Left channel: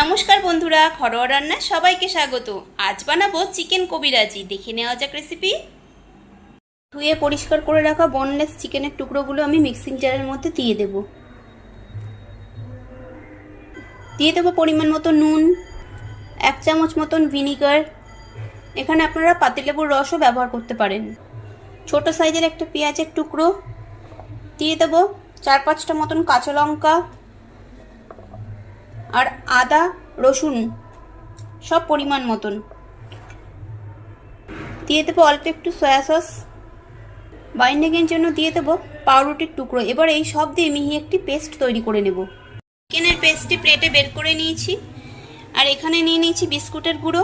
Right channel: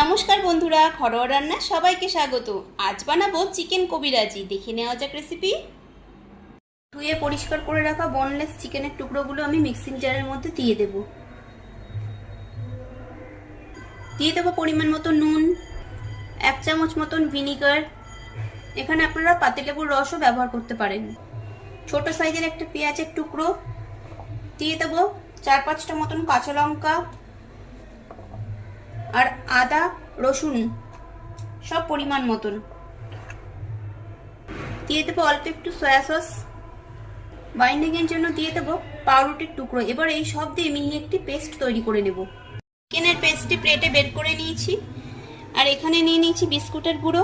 নমস্কার বন্ধুরা, ঘরোয়া রান্না সবাইকে স্বাগত। আজ বানাবো চিকেন কবিরাজি। দেখে নেওয়া যাক রেসিপি। ধুয়ে পরিষ্কার করে রাখা বোনলেস চিকেনের টুকরোগুলো আমি মিক্সিং জারের মধ্যে দিয়ে দেব পরিমাণ মতো নুন, 1 চামচ মতন ভিনিগার। এখানে আপনারা পাতিলেবুর রসও ব্যবহার করতে পারেন। ছোট সাইজের একটা পেঁয়াজের টুকরো দিয়ে দেব, 4-5টা মতন কাঁচা লঙ্কা আর আদা রসুন সব পরিমাণ মতন দিয়ে দেবো। অল্প একটু সয়া সস, বাইন্ডিংয়ের জন্য দিয়ে দেবো পাউরুটির টুকরো। এবার এই সব দিয়ে মিহি একটি পেস্ট তৈরি করে নেব। চিকেনের পেস্টটি প্লেটে বের করে নিয়েছি, আর এখানে নিয়ে নিয়েছি বিস্কুটের গুঁড়ো,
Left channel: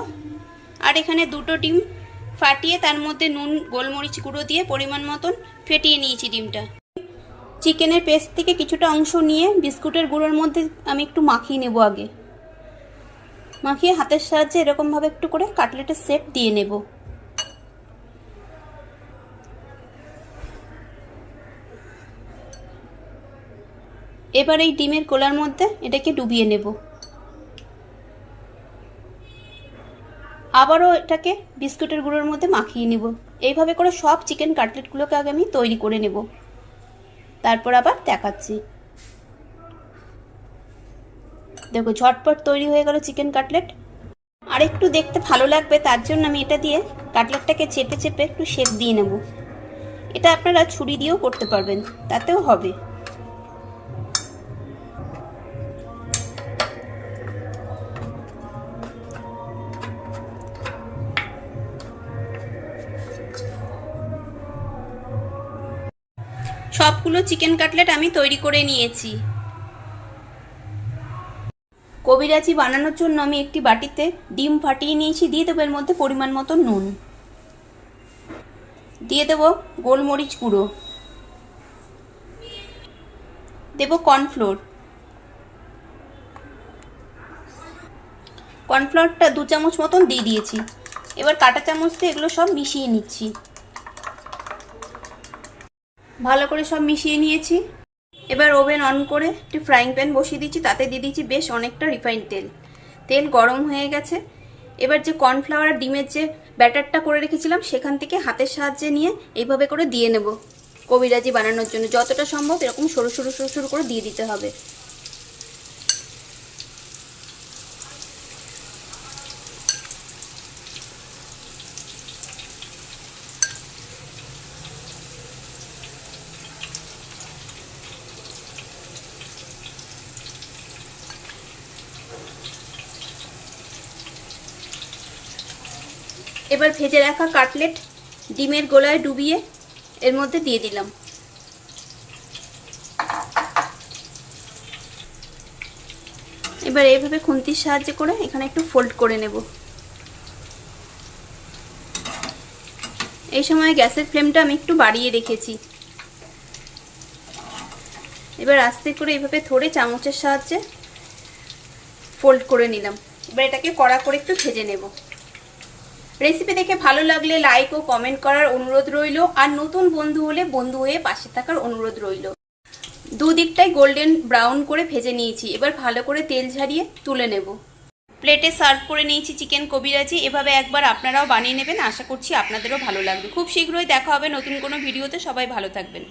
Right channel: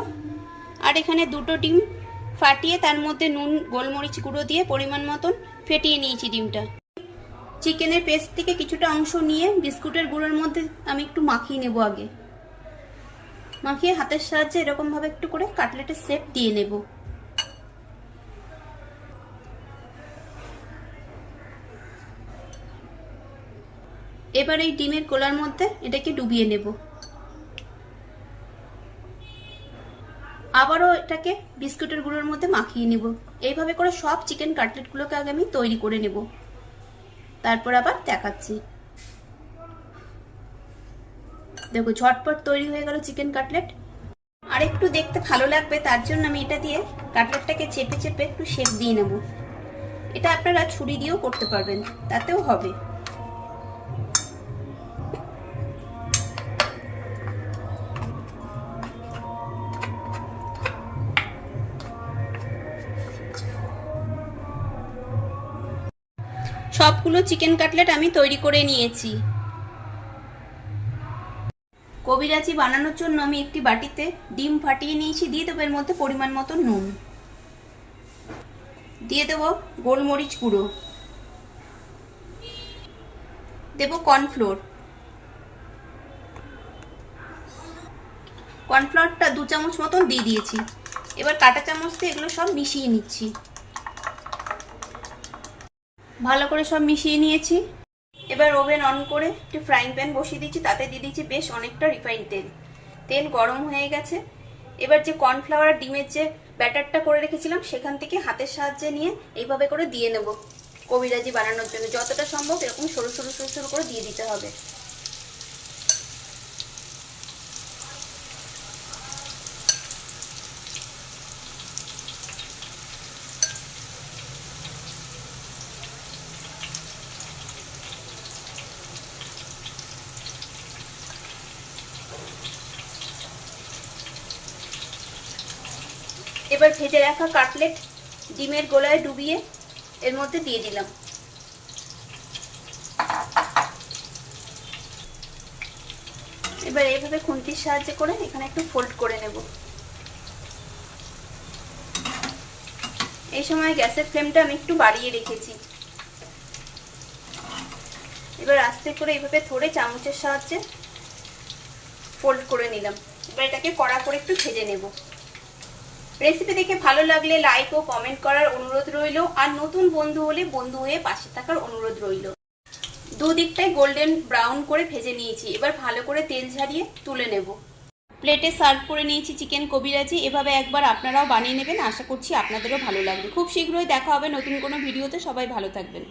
আর এখানে 2টো ডিম ফাটিয়ে তার মধ্যে নুন গোলমরিচ গুঁড়ো দিয়ে পরিমাণ মতন ফেটিয়ে নিয়েছি ডিমটা। চিকেনের পেস্ট থেকে কিছুটা অংশ নিয়ে বিস্কুটের গুঁড়োর মধ্যে আমি একটু মাখিয়ে নেব। আগে মাখিয়ে হাতের সাহায্যে এরকমভাবে একটু করে কাটলেটের শেপ দিয়ে নেব। এবার এই ডিমের গোলার মধ্যে এটাকে ডুবিয়ে নেব। আবারও এটাকে বিস্কুটের গুঁড়োর মধ্যে মাখিয়ে নেব। এইভাবে করে সব চিকেন কাটলেটগুলোকে আগে আমি তৈরি করে নেব, তারপর আবার দেখাচ্ছি। দেখো ঝটপট তৈরি হয়ে গেল চিকেন কাটলেট। আর একটু দেখতে ভালো লাগবে তার জন্য আমি এটা দিয়ে কাটলেটটাকে চেপে চেপে একটু শেপ দিয়ে নেব। এটা আপনারা ছুরি দিয়েও করতে পারবেন, তাতেও হবে। সবগুলো চিকেন কাটলেট আমি তৈরি করে নিয়েছি। কবিরাজি বানানোর জন্য আমি একটি বাটিতে ডিম ফাটিয়ে নিয়েছি। দিয়ে দেবো এর মধ্যে পরিমাণ মতো নুন, দিয়ে দেব গোলমরিচ গুঁড়ো, দেব কর্নফ্লাওয়ারটা 2 চামচ মতন দিয়ে দিয়েছি। এবার কাঁটা চামচ দিয়ে এগুলো সব মিশিয়ে নিচ্ছি। ভালো করে সব মিশিয়ে নিয়েছি। এবার ওভেন অন করে একটি ফ্রাইং প্যান বসিয়ে দিচ্ছি, তাতে দিয়ে দিচ্ছি বেশ অনেকটা রিফাইন্ড তেল। তেল গরম হয়ে গেছে। এবার যে কর্নফ্লাওয়ার আর ডিমের যে ব্যাটারটা করে রেখেছিলাম সেখান থেকে হাতের সাহায্যে নিয়ে এইভাবে করে দিয়ে নেব। কবিরাজি বানানোর জন্য যতটা সম্ভব এরকম সরু সরু সরু সরু করে দিয়ে দিতে হবে। এবার ভেজে রাখা কাটলেট ডিমের গোলায় ডুবিয়ে এর মধ্যে দিয়ে দিলাম। এবার এইভাবে খুন্তির সাহায্যে করে এখানে একটু ফোল্ড করে নেব। এই সময় গ্যাসের ফ্লেমটা আমি একটু বাড়িয়ে রেখেছি। এবার আস্তে করে এইভাবে ধরে চামচের সাহায্যে ফোল্ড করে নিলাম। এবার এটাকে কড়া করে একটু ভেজে নেব। রেসিপি দেখে ভালো লাগলে লাইক ও কমেন্ট করার অনুরোধ রইল, আর নতুন বন্ধু হলে বন্ধু হয়ে পাশে থাকার অনুরোধ রইল। দুদিকটাই গোল্ডেন ব্রাউন করে ভেজে নিয়েছি। এবার ভালো করে তেল ঝারিয়ে তুলে নেব। প্লেটে সার্ভ করে নিয়েছি চিকেন কবিরাজি। এভাবে একবার আপনারাও বানিয়ে নেবেন, আশা করছি আপনাদেরও ভালো লাগবে। খুব শীঘ্রই দেখা হবে নতুন কোনো ভিডিওতে। সবাই ভালো থাকবেন।